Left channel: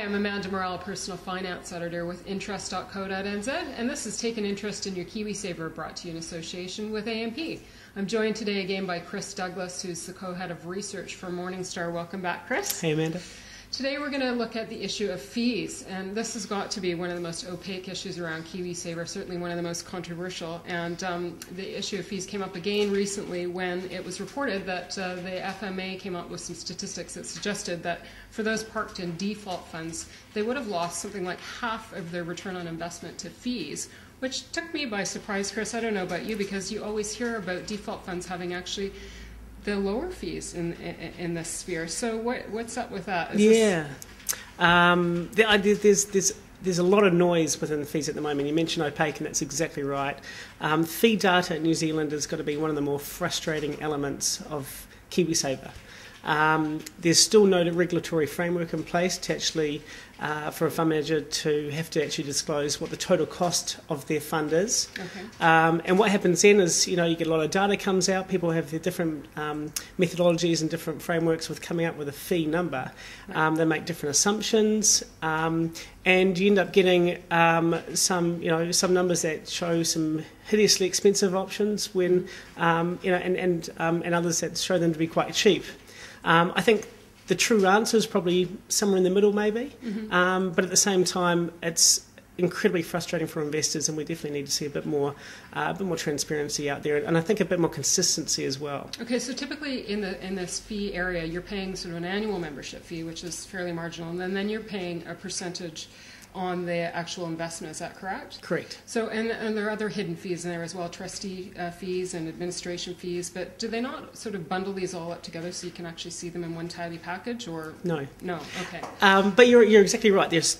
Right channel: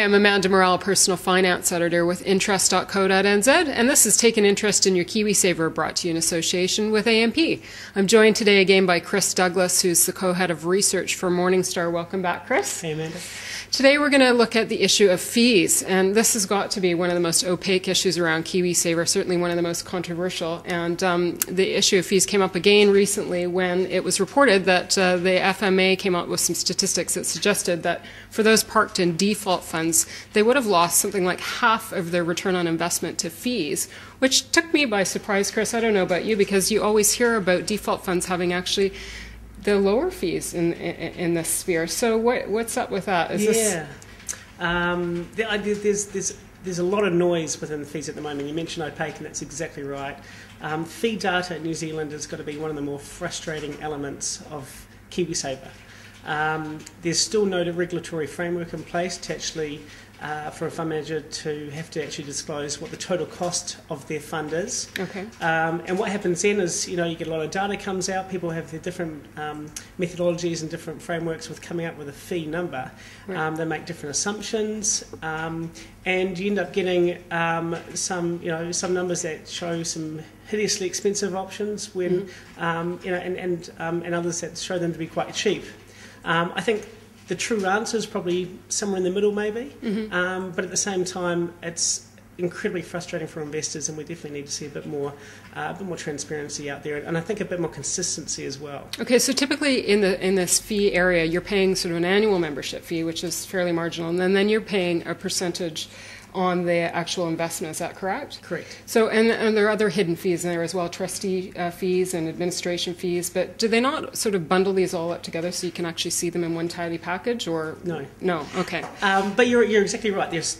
Hi, I'm Amanda Morrell, Personal Finance Editor with Interest.co.nz, and this is Take an Interest in Your KiwiSaver, brought to you in association with AMP. I'm joined today again by Chris Douglas, who's the co-head of research for Morningstar. Welcome back, Chris. Hey, Amanda. Today we're going to look at the issue of fees, and this has got to be one of the most opaque issues around KiwiSaver, certainly one of the most controversial. And the issue of fees came up again recently when it was reported that the FMA came out with some statistics that suggested that for those parked in default funds, they would have lost something like half of their return on investment to fees, which took me by surprise, Chris. I don't know about you, because you always hear about default funds having actually the lower fees in this sphere. So what's up with that? There's a lot of noise within the fees at the moment. You mentioned opaque, and that's exactly right. Fee data in New Zealand has got to be one of the more frustrating elements of KiwiSaver. There's still no regulatory framework in place to actually for a fund manager to have to actually disclose what the total cost of their fund is. Okay. And what happens then is, you get a lot of data comes out, people have their different methodologies and different frameworks with coming up with a fee number. Right. They make different assumptions, and you end up getting some numbers that show some hideously expensive options when, and others that show them to be quite cheap. I think the true answer is probably somewhere in the middle, maybe. But at the same time, it's incredibly frustrating for investors, and we definitely need to see a bit more transparency out there, and I think a bit more consistency as well. Okay, so typically in this fee area, you're paying sort of an annual membership fee, which is fairly marginal, and then you're paying a percentage on the actual investment. Is that correct? Correct. So, and there are other hidden fees in there as well, trustee fees and administration fees, but do they not sort of bundle these all up together so you can actually see them in one tidy package, or? No. No, okay. But you're exactly right. There's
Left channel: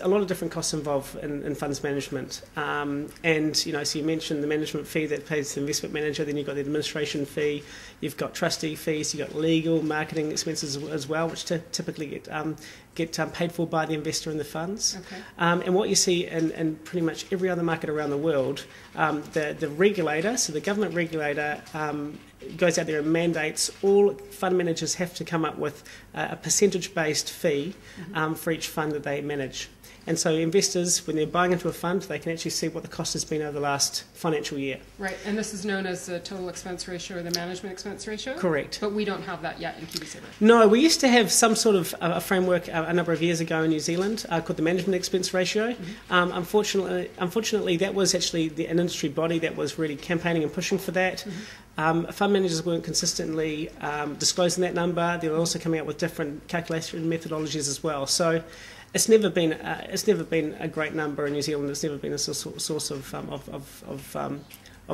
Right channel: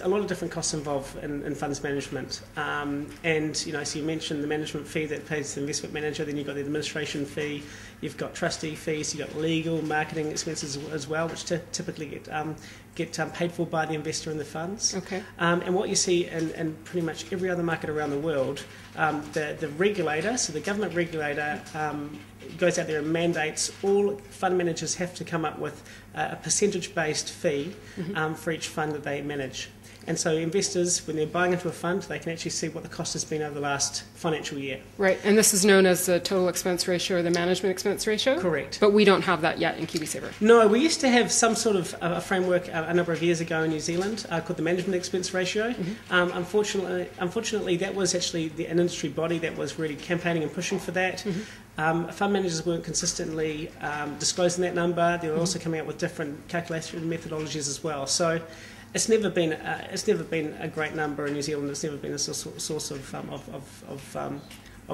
a lot of different costs involved in funds management, and so you mentioned the management fee that pays the investment manager, then you've got the administration fee, you've got trustee fees, you've got legal, marketing expenses as well, which typically get paid for by the investor in the funds. Okay. And what you see in pretty much every other market around the world, the regulator, so the government regulator, goes out there and mandates all fund managers have to come up with a percentage-based fee for each fund that they manage. And so investors, when they're buying into a fund, they can actually see what the cost has been over the last financial year. Right, and this is known as the total expense ratio or the management expense ratio? Correct. But we don't have that yet in KiwiSaver. No, we used to have some sort of a framework a number of years ago in New Zealand called the management expense ratio. Unfortunately, that was actually an industry body that was really campaigning and pushing for that. Fund managers weren't consistently disclosing that number. They were also coming out with different calculation methodologies as well. So it's never been a great number in New Zealand. It's never been a source of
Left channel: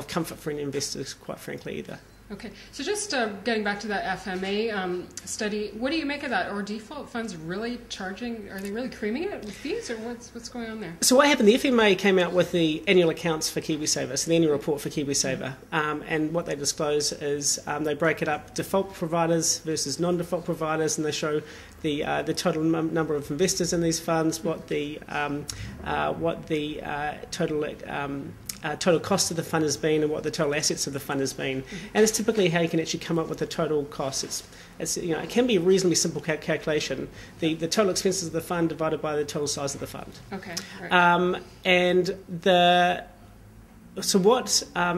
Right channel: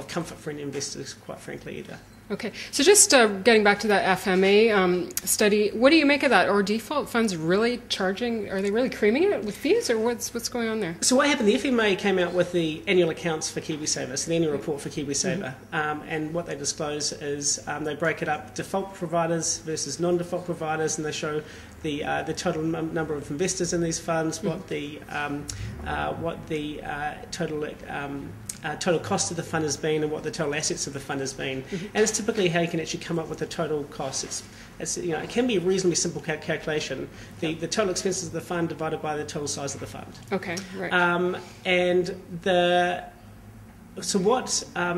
comfort for any investors, quite frankly, either. Okay, so just getting back to that FMA study, what do you make of that? Are default funds really charging? Are they really creaming it with fees, or what's going on there? So what happened? The FMA came out with the annual accounts for KiwiSaver, so the annual report for KiwiSaver, and what they disclose is they break it up: default providers versus non-default providers, and they show the total number of investors in these funds, what the total cost of the fund has been, and what the total assets of the fund has been. And it's typically how you can actually come up with the total cost. It can be a reasonably simple calculation. The total expenses of the fund divided by the total size of the fund. Okay, right. So what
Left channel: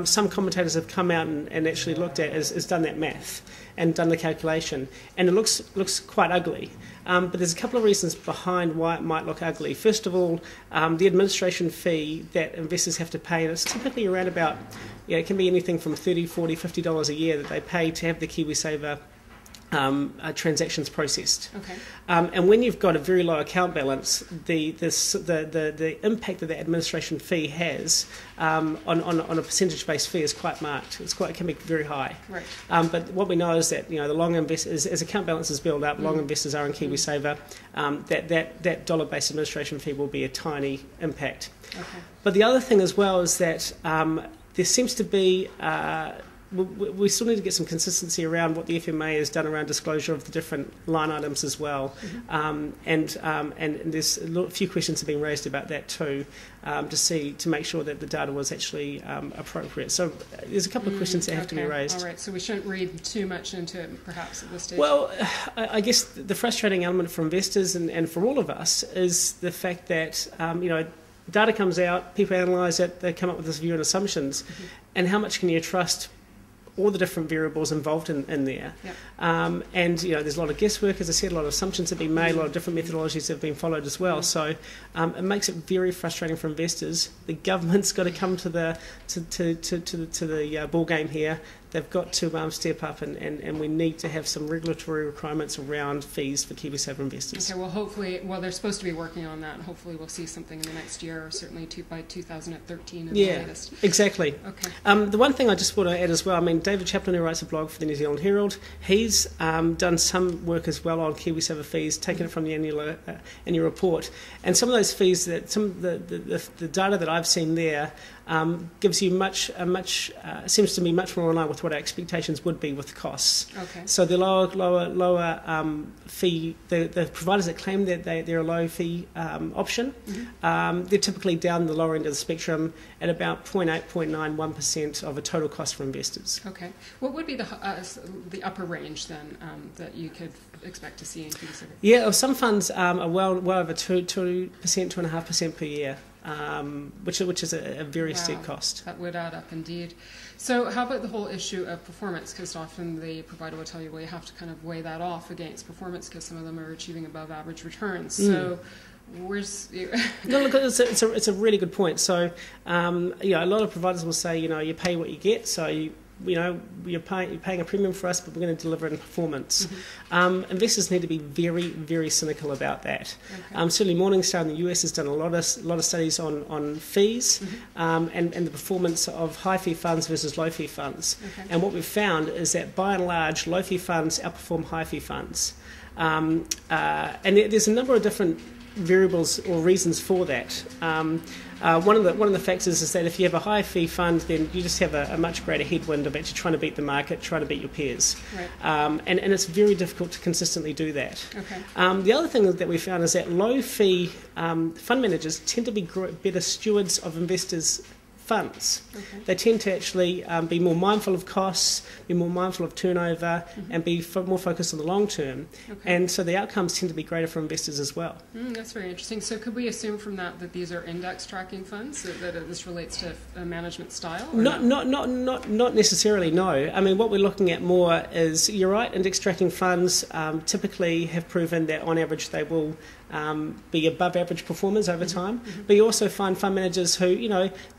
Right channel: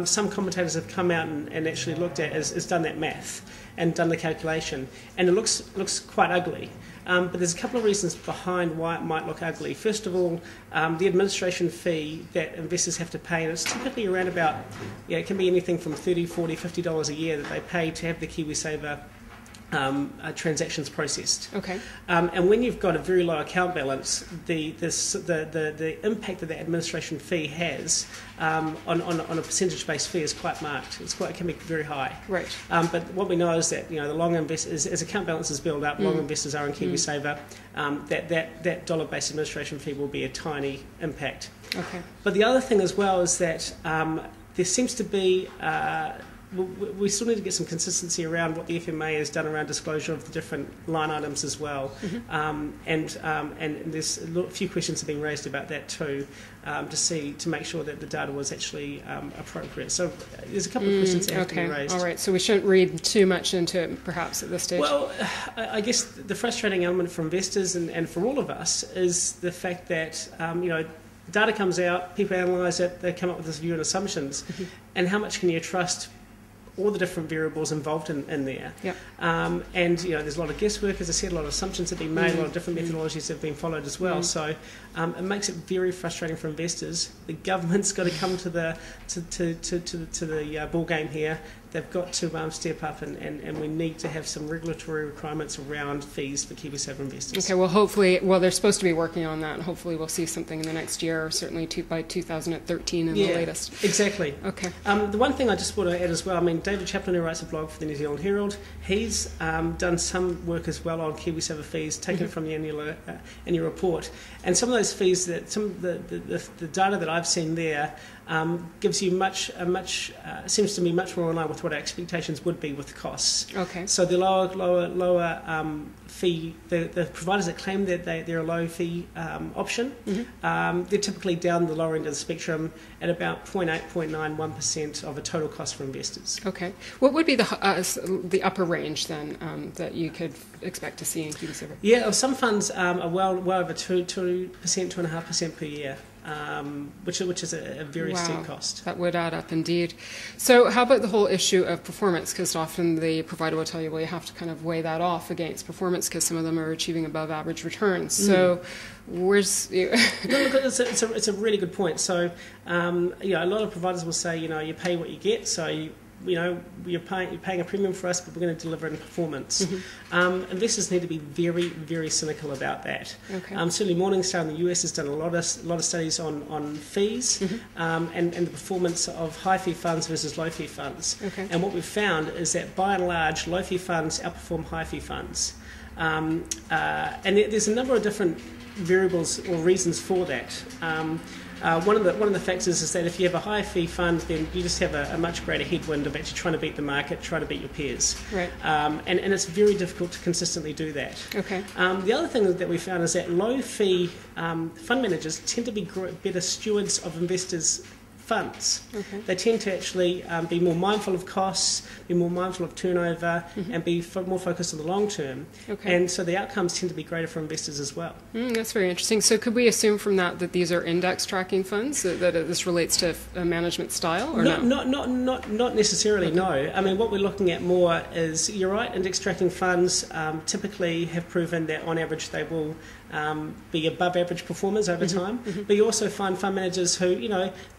some commentators have come out and actually looked at is done that math and done the calculation, and it looks quite ugly. But there's a couple of reasons behind why it might look ugly. First of all, the administration fee that investors have to pay, and it's typically around about, it can be anything from $30, $40, $50 a year that they pay to have the KiwiSaver transactions processed. Okay. And when you've got a very low account balance, the impact that the administration fee has on a percentage-based fee is quite marked. It can be very high. Right. But what we know is that the long investors, as account balances build up, long investors are in KiwiSaver. That dollar-based administration fee will be a tiny impact. Okay. But the other thing as well is that there seems to be we still need to get some consistency around what the FMA has done around disclosure of the different line items as well. And there's a few questions have been raised about that too, to make sure that the data was actually appropriate. So there's a couple of questions that have to be raised. All right, so we shouldn't read too much into it perhaps at this stage. Well, I guess the frustrating element for investors and for all of us is the fact that data comes out, people analyse it, they come up with this view and assumptions, and how much can you trust all the different variables involved in there. Yeah. And there's a lot of guesswork, as I said, a lot of assumptions have been made, a lot of different methodologies have been followed as well. So it makes it very frustrating for investors. The government's got to come to the ball game here. They've got to step up, and we need to have some regulatory requirements around fees for KiwiSaver investors. Okay, well, hopefully, they're supposed to be working on that, and hopefully we'll see something in the next year, or certainly by 2013 in the latest. Exactly. Okay. The one thing I just want to add as well, David Chaplin, who writes a blog for the New Zealand Herald, he's done some work as well on KiwiSaver fees, taken it from the annual report, and some of those fees, the data that I've seen there, gives you seems to me much more in line with what our expectations would be with costs. Okay. So the lower fee, the providers that claim that they're a low fee option, they're typically down the lower end of the spectrum at about 0.8-0.91% of a total cost for investors. Okay. What would be the upper range then that you could expect to see in KiwiSaver? Yeah, some funds are well over 2.5% per year. Which is a very steep cost. That would add up indeed. So how about the whole issue of performance? Because often the provider will tell you, well, you have to kind of weigh that off against performance because some of them are achieving above average returns. So where's... No, look, it's a really good point. So, a lot of providers will say, you pay what you get, so you're paying a premium for us, but we're going to deliver in performance. Investors need to be very, very cynical about that. Okay. Certainly Morningstar in the US has done a lot of studies on fees and the performance of high fee funds versus low fee funds. Okay. And what we've found is that by and large, low fee funds outperform high fee funds. And there's a number of different variables or reasons for that. One of the factors is that if you have a high fee fund, then you just have a much greater headwind of actually trying to beat the market, trying to beat your peers. Right. And it's very difficult to consistently do that. Okay. The other thing that we found is that low fee fund managers tend to be better stewards of investors' funds. Okay. They tend to actually be more mindful of costs, be more mindful of turnover, and be more focused on the long term. Okay. And so the outcomes tend to be greater for investors as well. That's very interesting. So could we assume from that these are index tracking funds, that this relates to a management style? Or not necessarily, no. What we're looking at more is, you're right, index tracking funds typically have proven that on average they will be above average performers over time. But you also find fund managers who,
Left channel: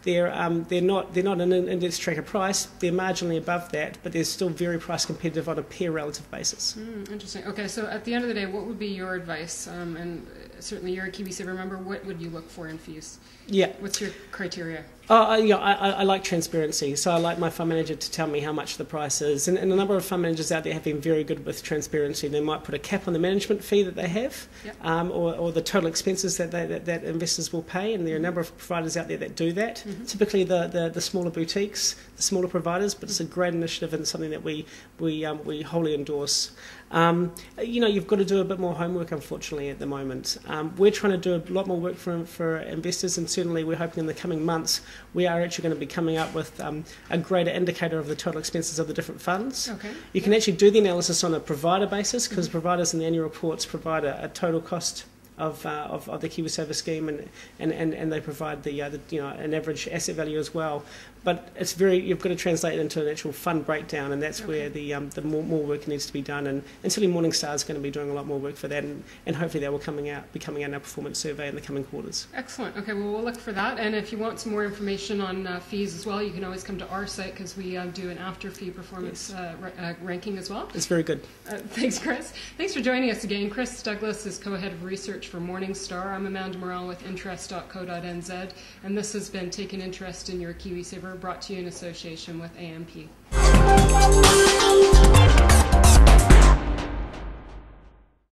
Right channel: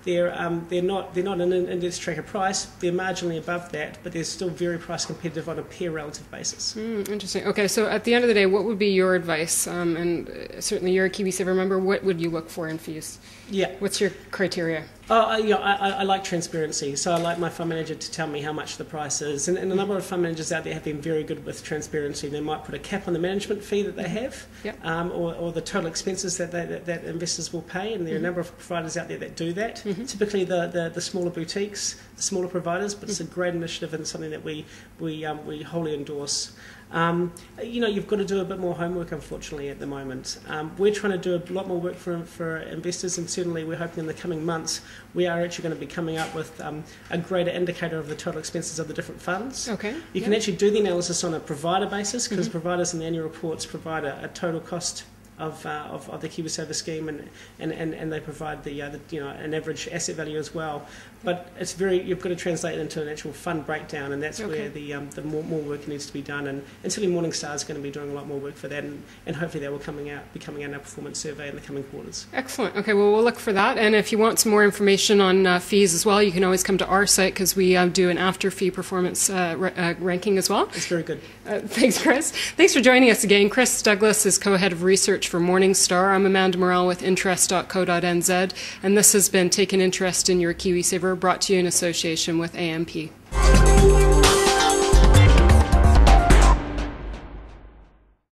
they're not an index tracker price, they're marginally above that, but they're still very price competitive on a peer relative basis. Interesting. Okay, so at the end of the day, what would be your advice? And certainly you're a KiwiSaver member, what would you look for in fees? Yeah. What's your criteria? I like transparency, so I like my fund manager to tell me how much the price is. And a number of fund managers out there have been very good with transparency. They might put a cap on the management fee that they have, or the total expenses that investors will pay, and there are a number of providers out there that do that. Typically the smaller boutiques, the smaller providers, but it's a great initiative and something that we wholly endorse. You've got to do a bit more homework, unfortunately, at the moment. We're trying to do a lot more work for investors, and certainly we're hoping in the coming months we are actually going to be coming up with a greater indicator of the total expenses of the different funds. Okay. You can actually do the analysis on a provider basis, because providers in the annual reports provide a total cost of the KiwiSaver scheme, and they provide an average asset value as well. But you've got to translate it into an actual fund breakdown, and that's where the more work needs to be done. And certainly Morningstar is going to be doing a lot more work for that, and hopefully that will be coming out in our performance survey in the coming quarters. Excellent. Okay, well, we'll look for that. And if you want some more information on fees as well, you can always come to our site, because we do an after fee performance ranking as well. It's very good. Thanks, Chris. Thanks for joining us again. Chris Douglas is co-head of research for Morningstar. I'm Amanda Morrell with interest.co.nz, and this has been Take an Interest in Your KiwiSaver, brought to you in association with AMP.